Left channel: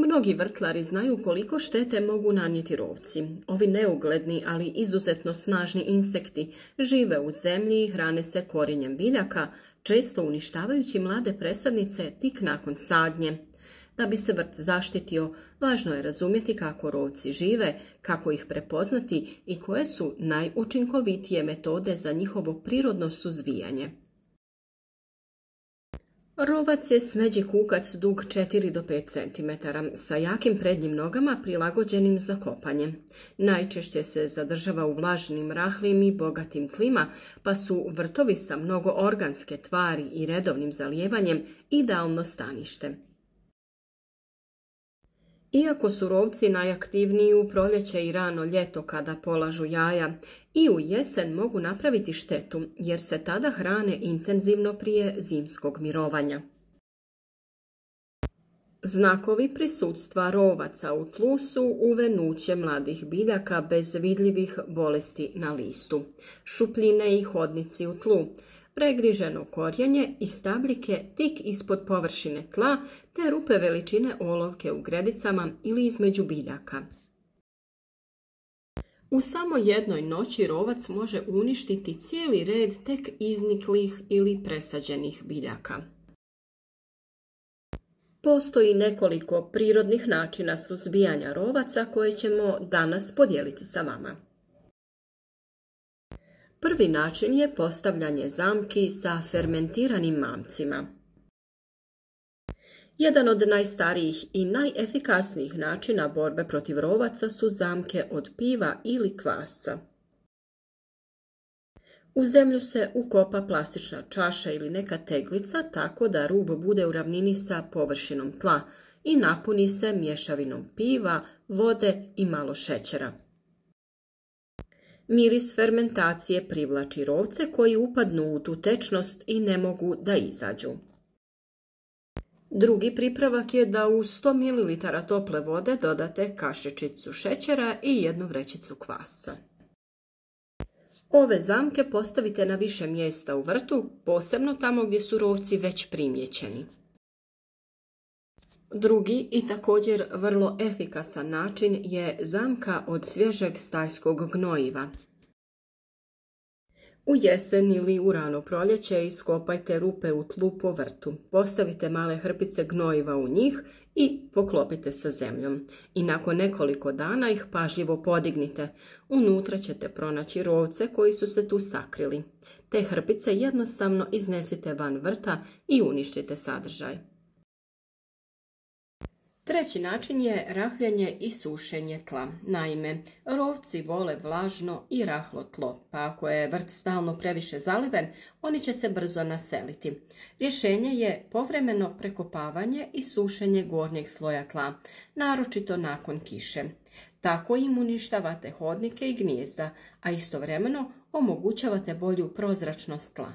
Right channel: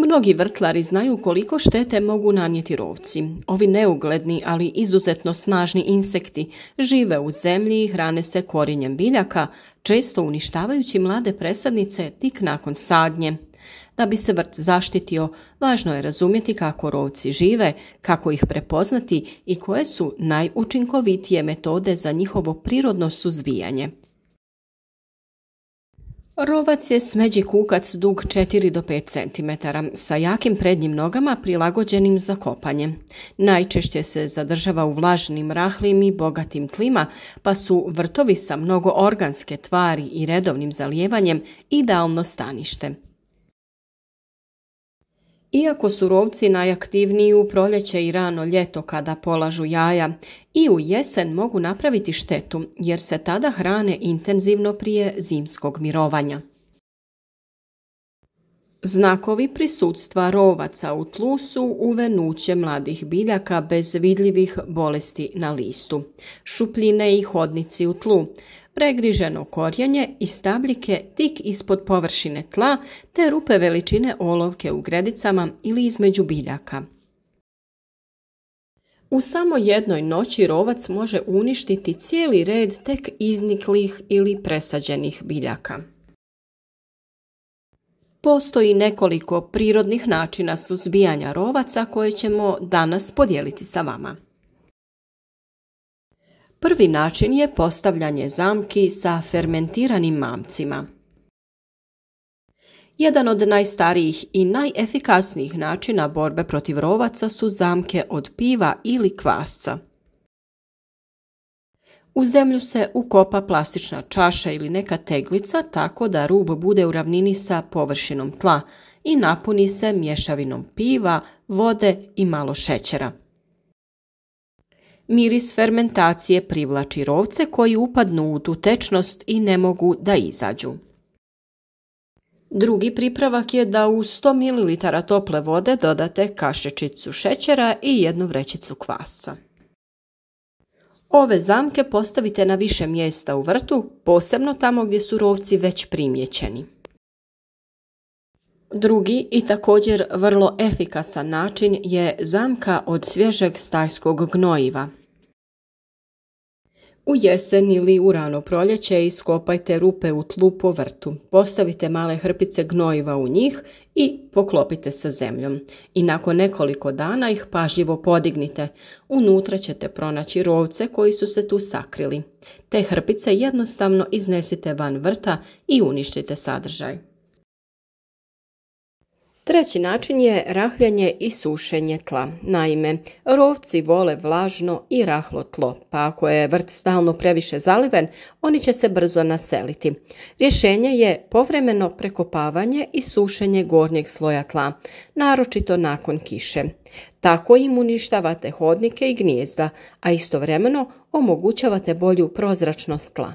Mnogi vrtlari znaju koliko štete mogu nanijeti rovci. Ovi neugledni, ali izuzetno snažni insekti žive u zemlji i hrane se korijenjem biljaka, često uništavajući mlade presadnice tik nakon sadnje. Da bi se vrt zaštitio, važno je razumjeti kako rovci žive, kako ih prepoznati i koje su najučinkovitije metode za njihovo prirodno suzbijanje. Rovac je smeđi kukac dug 4 do 5 cm sa jakim prednjim nogama prilagođenim za kopanje. Najčešće se zadržava u vlažnim, rahlim i bogatim tlima, pa su vrtovi sa mnogo organske tvari i redovnim zalijevanjem idealno stanište. Iako su rovci najaktivniji u proljeće i rano ljeto kada polažu jaja, i u jesen mogu napraviti štetu jer se tada hrane intenzivno prije zimskog mirovanja. Znakovi prisutstva rovaca u tlu su uvenuće mladih biljaka bez vidljivih bolesti na listu, šupljine i hodnici u tlu, pregriženo korijenje i stabljike tik ispod površine tla te rupe veličine olovke u gredicama ili između biljaka. U samo jednoj noći rovac može uništiti cijeli red tek izniklih ili presađenih biljaka. Postoji nekoliko prirodnih načina suzbijanja rovaca koje ćemo danas podijeliti sa vama. Prvi način je postavljanje zamki sa fermentiranim mamcima. Jedan od najstarijih i najefikasnijih načina borbe protiv rovaca su zamke od piva ili kvasca. U zemlju se ukopa plastična čaša ili neka teglica tako da rub bude u ravnini sa površinom tla i napuni se mješavinom piva, vode i malo šećera. Miris fermentacije privlači rovce koji upadnu u tu tečnost i ne mogu da izađu. Drugi pripravak je da u 100 ml tople vode dodate kašičicu šećera i 1 vrećicu kvasca. Ove zamke postavite na više mjesta u vrtu, posebno tamo gdje su rovci već primijećeni. Drugi i također vrlo efikasan način je zamka od svježeg stajskog gnojiva. U jesen ili u rano proljeće iskopajte rupe u tlu po vrtu, postavite male hrpice gnojiva u njih i poklopite sa zemljom. I nakon nekoliko dana ih pažljivo podignite. Unutra ćete pronaći rovce koji su se tu sakrili. Te hrpice jednostavno iznesite van vrta i uništite sadržaj. Treći način je rahljanje i sušenje tla. Naime, rovci vole vlažno i rahlo tlo, pa ako je vrt stalno previše zaliven, oni će se brzo naseliti. Rješenje je povremeno prekopavanje i sušenje gornjeg sloja tla, naročito nakon kiše. Tako im uništavate hodnike i gnijezda, a istovremeno omogućavate bolju prozračnost tla.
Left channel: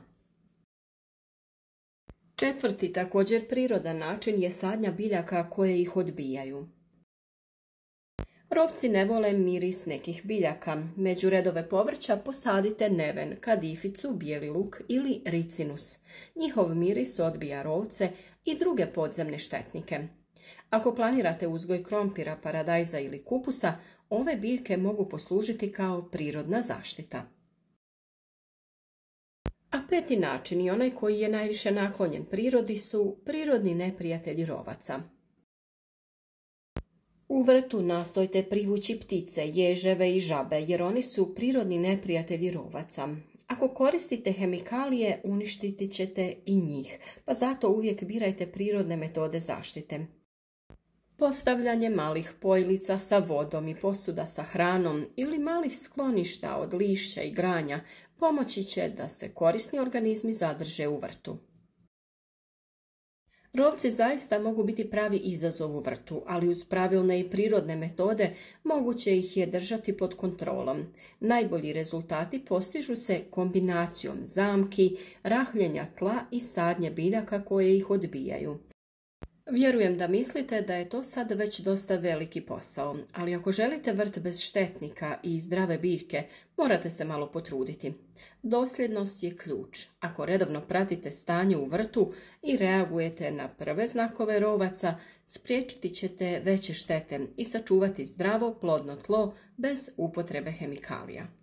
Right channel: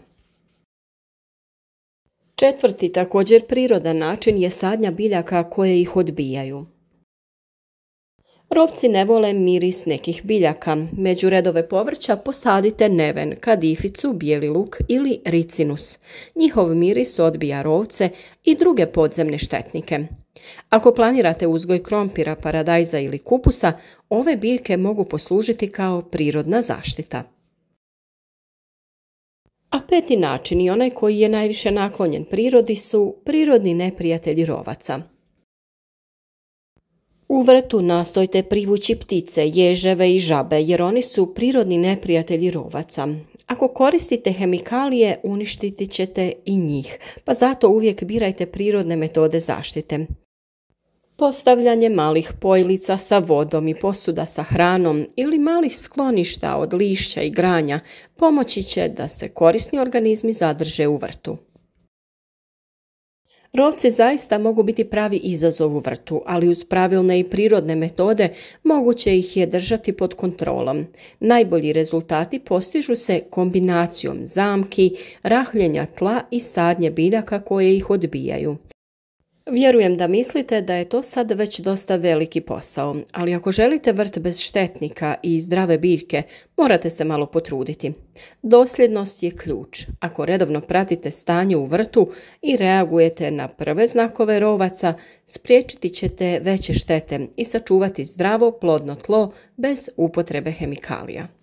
Četvrti također prirodan način je sadnja biljaka koje ih odbijaju. Rovci ne vole miris nekih biljaka. Među redove povrća posadite neven, kadificu, bijeli luk ili ricinus. Njihov miris odbija rovce i druge podzemne štetnike. Ako planirate uzgoj krompira, paradajza ili kupusa, ove biljke mogu poslužiti kao prirodna zaštita. A peti način i onaj koji je najviše naklonjen prirodi su prirodni neprijatelji rovaca. U vrtu nastojte privući ptice, ježeve i žabe jer oni su prirodni neprijatelji rovaca. Ako koristite hemikalije, uništiti ćete i njih, pa zato uvijek birajte prirodne metode zaštite. Postavljanje malih pojlica sa vodom i posuda sa hranom ili malih skloništa od lišća i granja pomoći će da se korisni organizmi zadrže u vrtu. Rovci zaista mogu biti pravi izazov u vrtu, ali uz pravilne i prirodne metode moguće ih je držati pod kontrolom. Najbolji rezultati postižu se kombinacijom zamki, rahljenja tla i sadnje biljaka koje ih odbijaju. Vjerujem da mislite da je to sad već dosta veliki posao, ali ako želite vrt bez štetnika i zdrave biljke, morate se malo potruditi. Dosljednost je ključ. Ako redovno pratite stanje u vrtu i reagujete na prve znakove rovaca, spriječiti ćete veće štete i sačuvati zdravo, plodno tlo bez upotrebe hemikalija.